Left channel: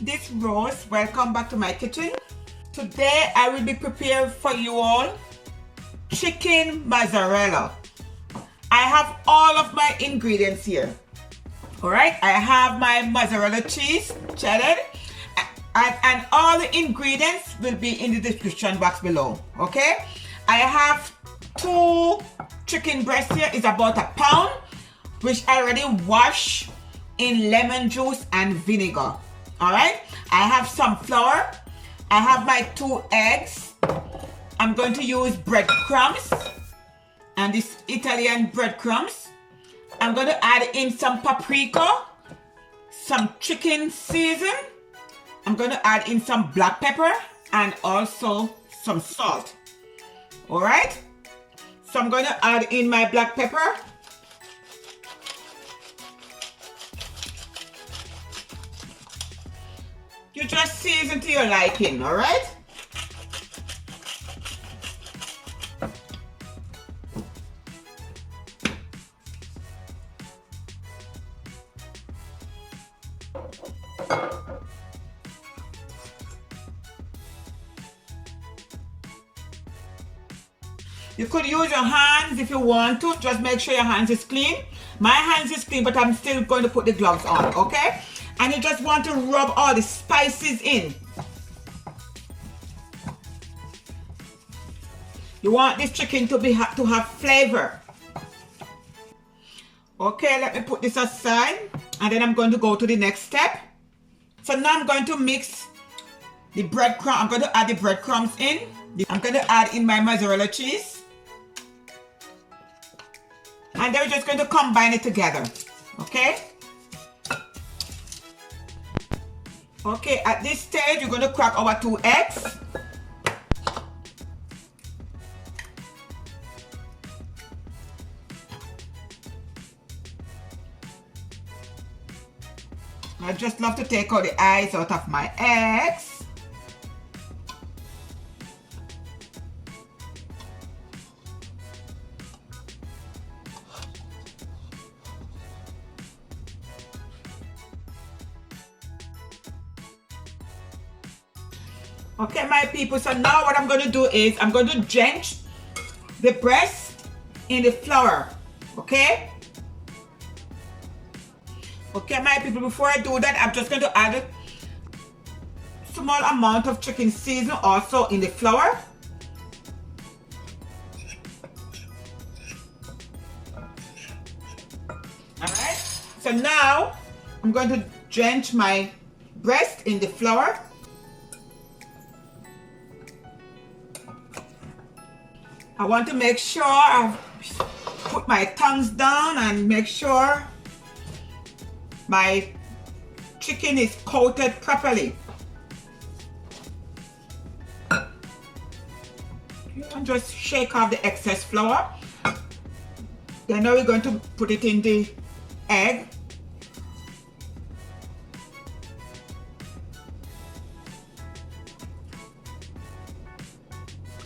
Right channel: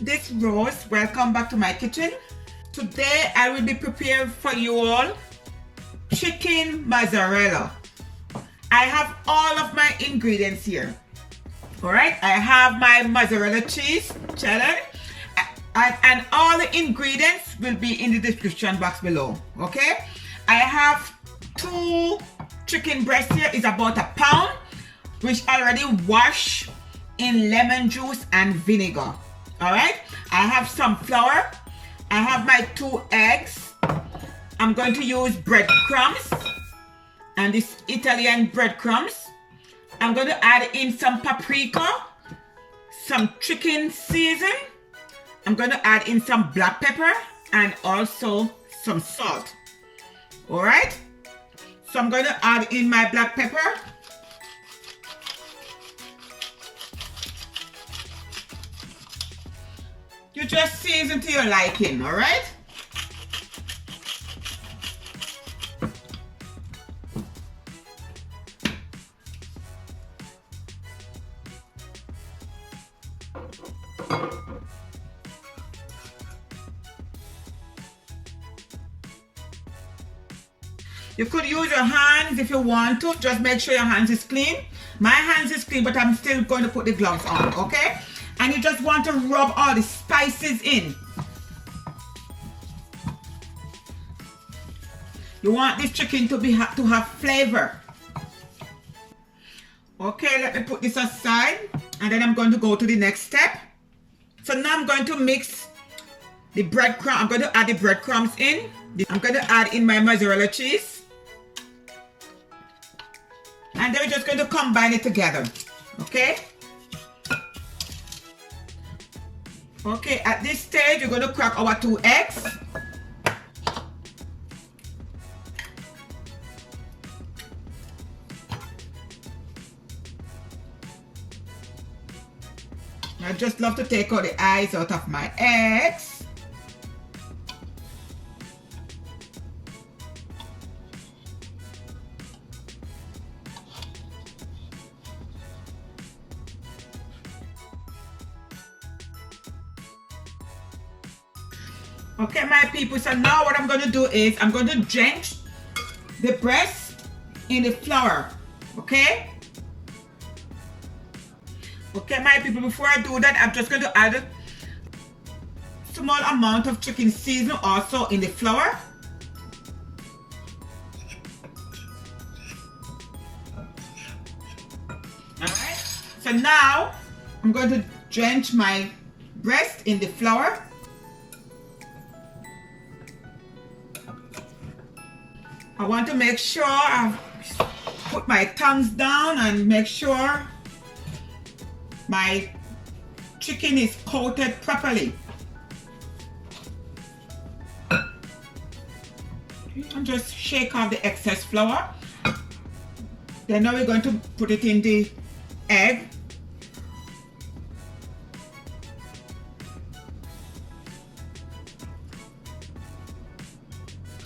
this Rose. Welcome back to my kitchen. Today I will be preparing for you all chicken mozzarella. I have all of my ingredients here. Alright, I have my mozzarella cheese, cheddar, and all the ingredients will be in the description box below. Okay, I have 2 chicken breasts here. It's about a pound, which I already washed in lemon juice and vinegar. All right, I have some flour. I have my 2 eggs. I'm going to use breadcrumbs, and this Italian breadcrumbs. I'm going to add in some paprika, some chicken season. I'm going to add in some black pepper and also some salt. All right, so I'm going to add in my black pepper. You just season to your liking, all right? You could use your hands if you want to. Just make sure your hands is clean. My hands is clean, but I'm still going to put the gloves on, okay? And you just want to rub all the spices in. You want this chicken to have flavor. Okay, let me put this aside, and then I'm going to go to the next step. So now I'm going to mix the breadcrumb. I'm going to add the breadcrumbs in. I'm going to add in my mozzarella cheese. And then we're just going to combine it together, okay? Okay, at this stage, we're going to crack our 2 eggs. I just love to take all the eyes out of my eggs. Okay, my people, so now what I'm going to do is I'm going to drench the breast in the flour, okay? Okay, my people, before I do that, I'm just going to add a small amount of chicken seasoning also in the flour. Alright, so now I'm going to drench my breast in the flour. I want to make sure I put my tongs down and make sure my chicken is coated properly. And just shake off the excess flour. Then now we're going to put it in the egg.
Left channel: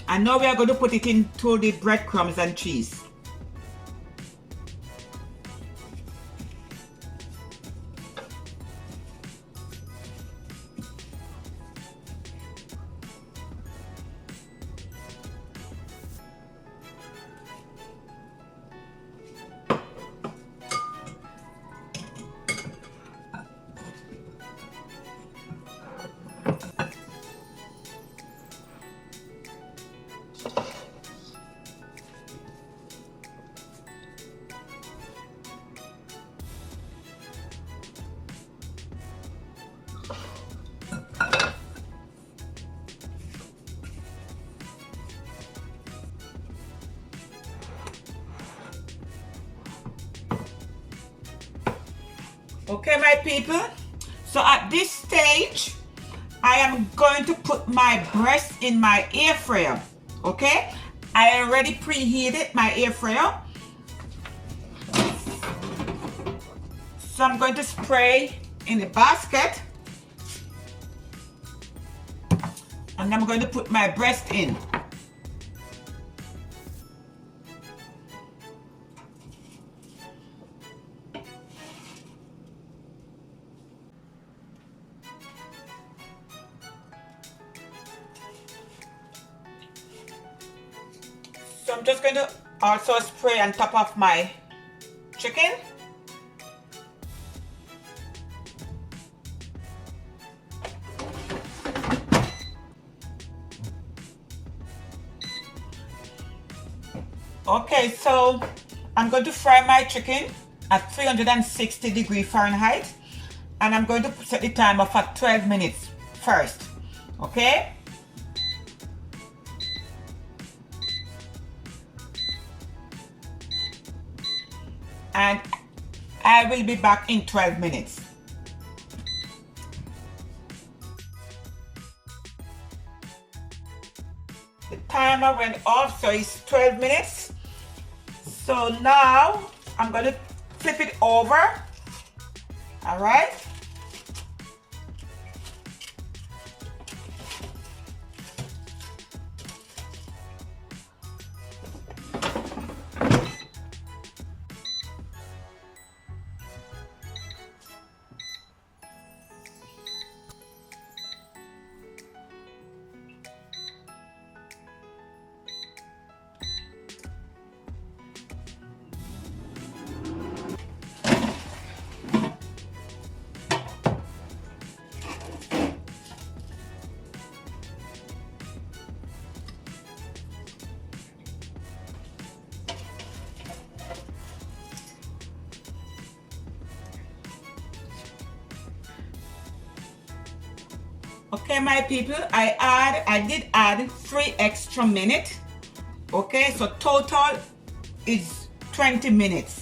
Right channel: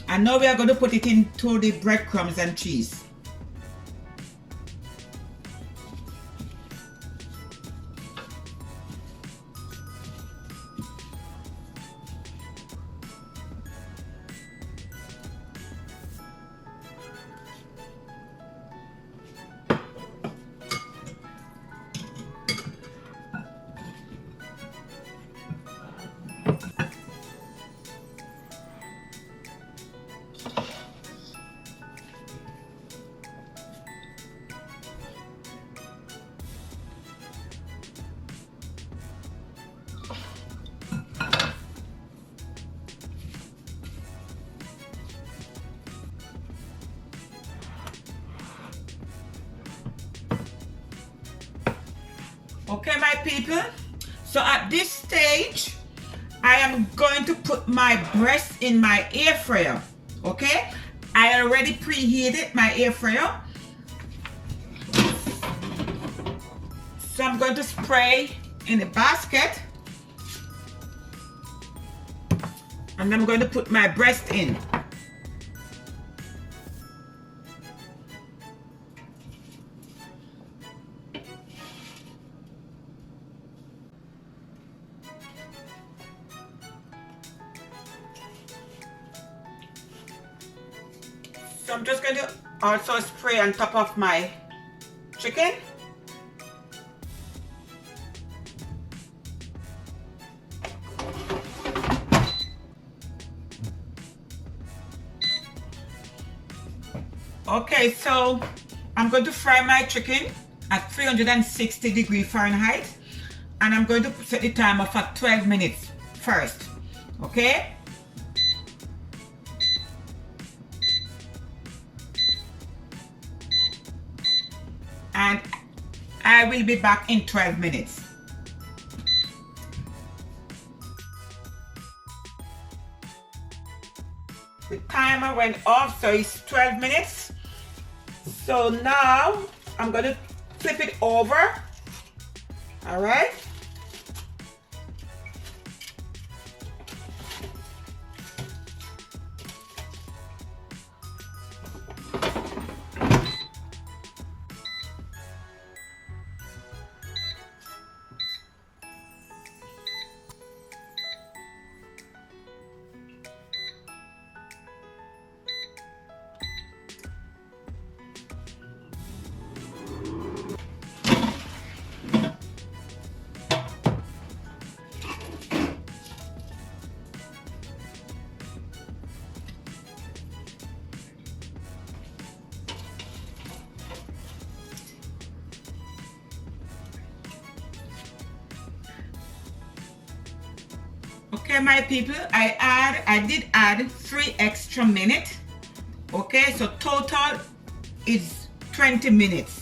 And now we are going to put it into the breadcrumbs and cheese. Okay, my people, so at this stage I am going to put my breast in my air fryer. Okay, I already preheated my air fryer, so I'm going to spray in the basket, and I'm going to put my breast in. So I'm just going to also spray on top of my chicken. Okay, so I'm going to fry my chicken at 360°F, and I'm going to set the timer for 12 minutes first. Okay? And I will be back in 12 minutes. The timer went off, so it's 12 minutes. So now I'm going to flip it over. All right. Okay, my people, I did add 3 extra minutes. Okay, so total is 20 minutes.